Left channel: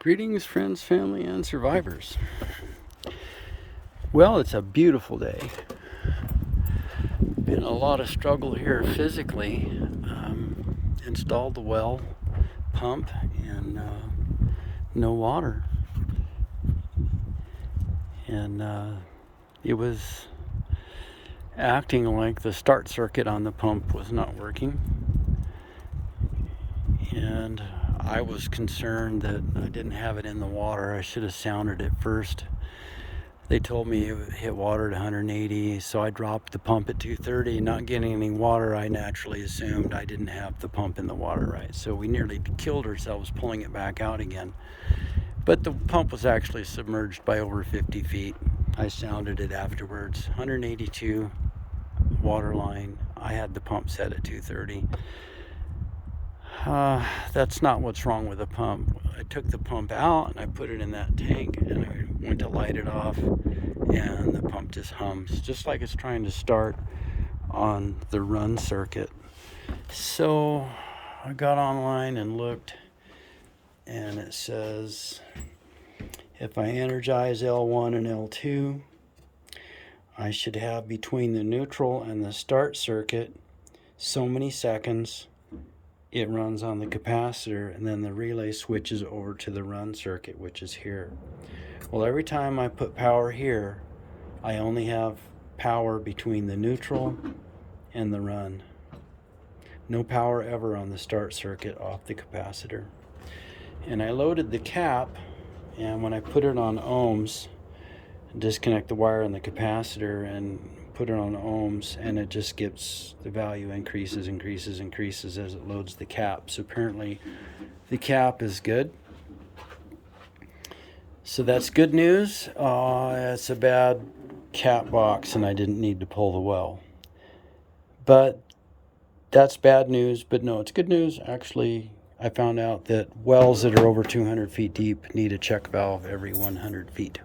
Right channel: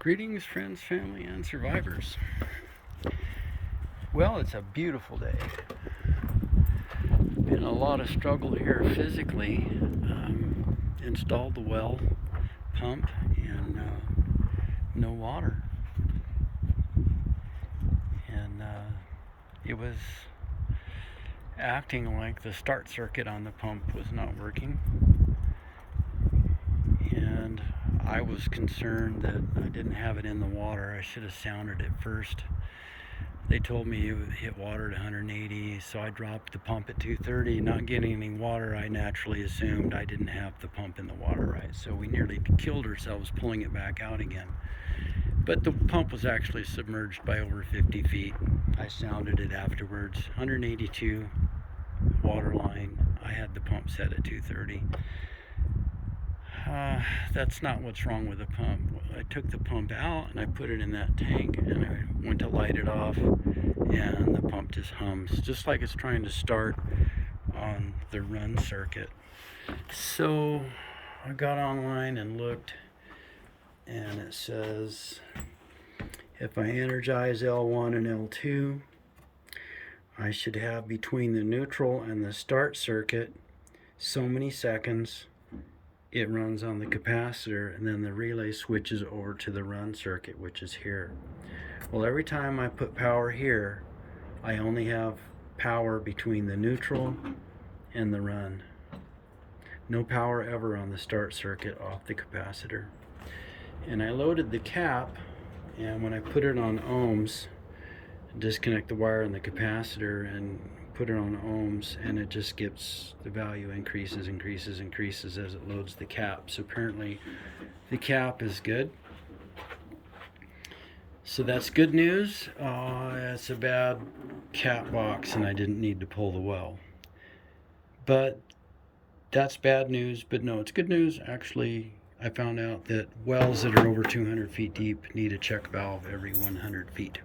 Greetings, friends, family, and survivors. Well, it's a beautiful day. Been a lot of struggle here physically. Installed the well pump and no water. And it was acting like the start circuit on the pump was not working. And I was concerned that I didn't have it in the water. I should have sounded it first. They told me it would hit water at 180, so I dropped the pump at 230. Not getting any water, I naturally assumed I didn't have the pump in the water right. So we nearly killed ourselves pulling it back out again. But the pump was actually submerged by over 50 feet. I sounded it afterwards. 182 water line. I had the pump set at 230. That's not what's wrong with the pump. I took the pump out and I put it in that tank and I went to light it off and the pump just hums, just like it's trying to start on the run circuit. So I got online and looked, and it says if I energize L1 and L2, I should have between the neutral and the start circuit so many seconds. It runs on the capacitor, and then the relay switches over to the run circuit, which is here. Well, every time I put power here, I only have power between the neutral and the run. No power ever on the start circuit off the capacitor. And I loaded the cap, and when I put it on ohms, disconnect the wire on the capacitor and put it on ohms, and it just gets the value increases as it loads the cap. So apparently the cap is good. So that's good news. It's a bad cap box and I didn't need to pull the well. But that's bad news, but no, it's good news. Actually, I found out that wells that are over 200 feet deep need a check valve every 100 feet.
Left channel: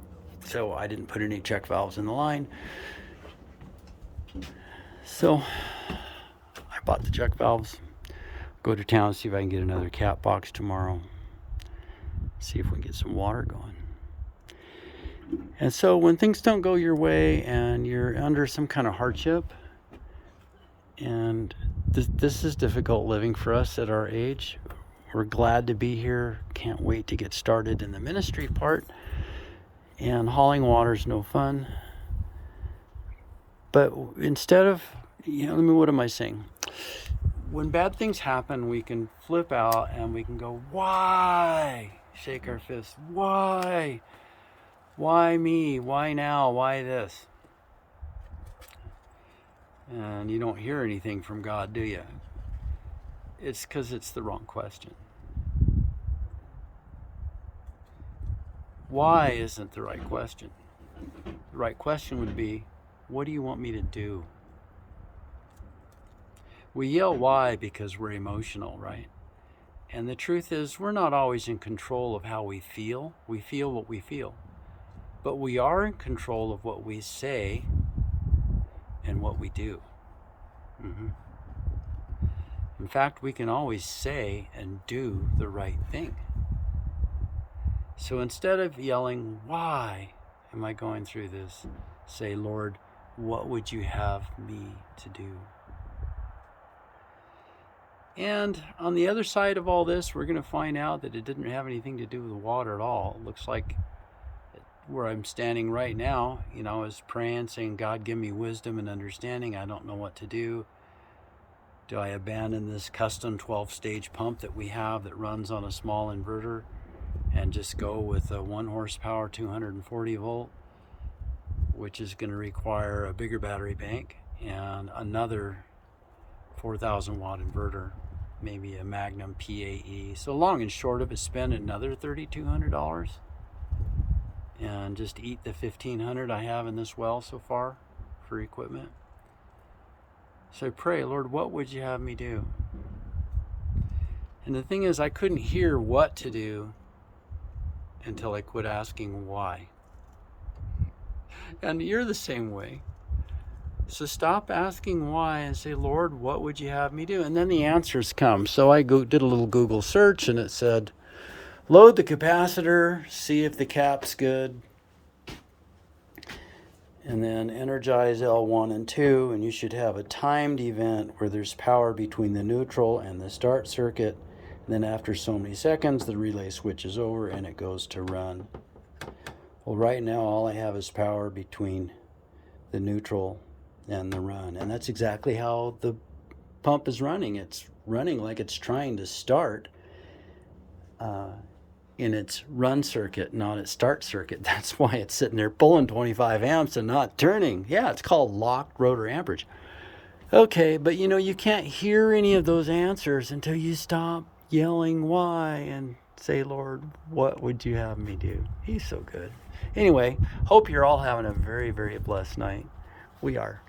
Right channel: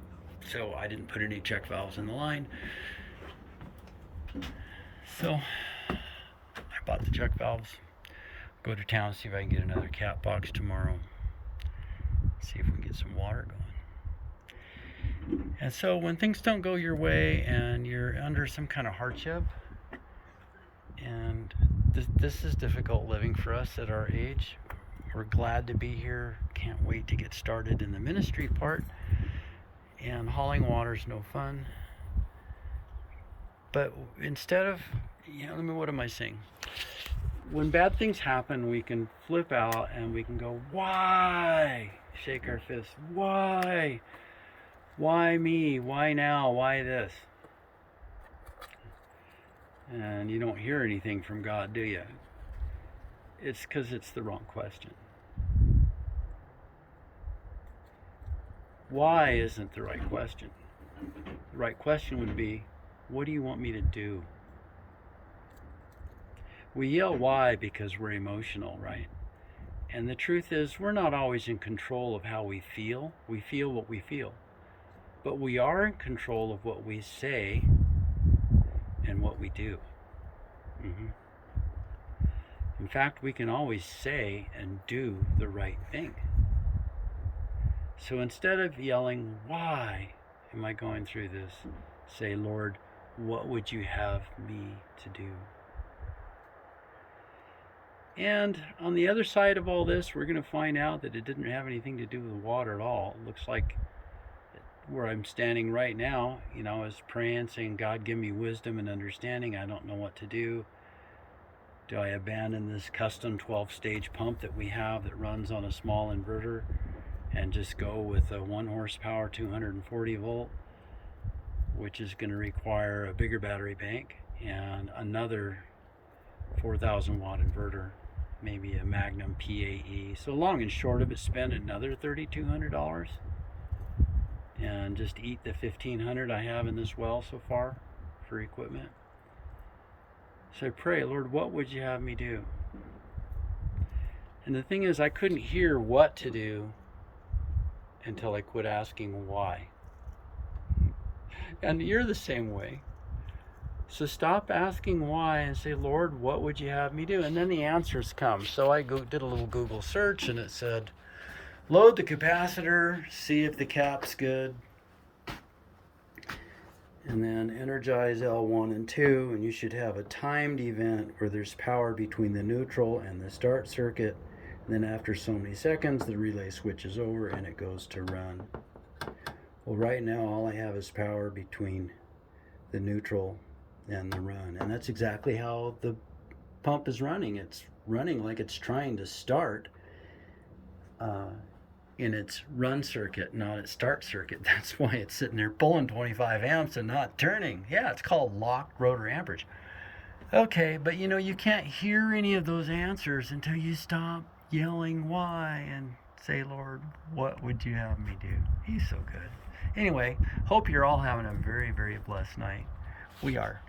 So I didn't put any check valves in the line. So I bought the check valves. Go to town, see if I can get another cap box tomorrow. See if we can get some water going. And so when things don't go your way and you're under some kind of hardship, and this is difficult living for us at our age. We're glad to be here. Can't wait to get started in the ministry part. And hauling water's no fun. But instead of, what am I saying? When bad things happen, we can flip out and we can go, why? Shake our fists. Why? Why me? Why now? Why this? And you don't hear anything from God, do you? It's because it's the wrong question. Why isn't the right question? The right question would be, what do you want me to do? We yell why because we're emotional, right? And the truth is, we're not always in control of how we feel. We feel what we feel. But we are in control of what we say and what we do. In fact, we can always say and do the right thing. So instead of yelling, why am I going through this? Say, Lord, what would you have me to do? And on the other side of all this, we're going to find out that it didn't have anything to do with water at all. It looks like where I'm standing right now, is praying, saying, God, give me wisdom and understanding. I don't know what to do. Do I abandon this custom 12-stage pump that we have that runs on a small inverter and just go with a 1 horsepower 240 volt, which is going to require a bigger battery bank and another 4,000 watt inverter, maybe a Magnum PAE. So long and short of it, spend another $3,200 and just eat the $1,500 I have in this well so far for equipment. So I pray, Lord, what would you have me do? And the thing is, I couldn't hear what to do until I quit asking why. And you're the same way. So stop asking why and say, Lord, what would you have me do? And then the answers come. So I did a little Google search and it said, Load the capacitor, see if the cap's good, and then energize L1 and 2, and you should have a timed event where there's power between the neutral and the start circuit. And then after so many seconds, the relay switches over and it goes to run. Well, right now all I have is power between the neutral and the run, and that's exactly how the pump is running. It's running like it's trying to start in its run circuit, not its start circuit. That's why it's sitting there pulling 25 amps and not turning. Yeah, it's called locked rotor amperage. Okay, but you can't hear any of those answers until you stop yelling why and say, Lord, what would you have me do? He's so good. Anyway, hope you're all having a very, very blessed night. We are.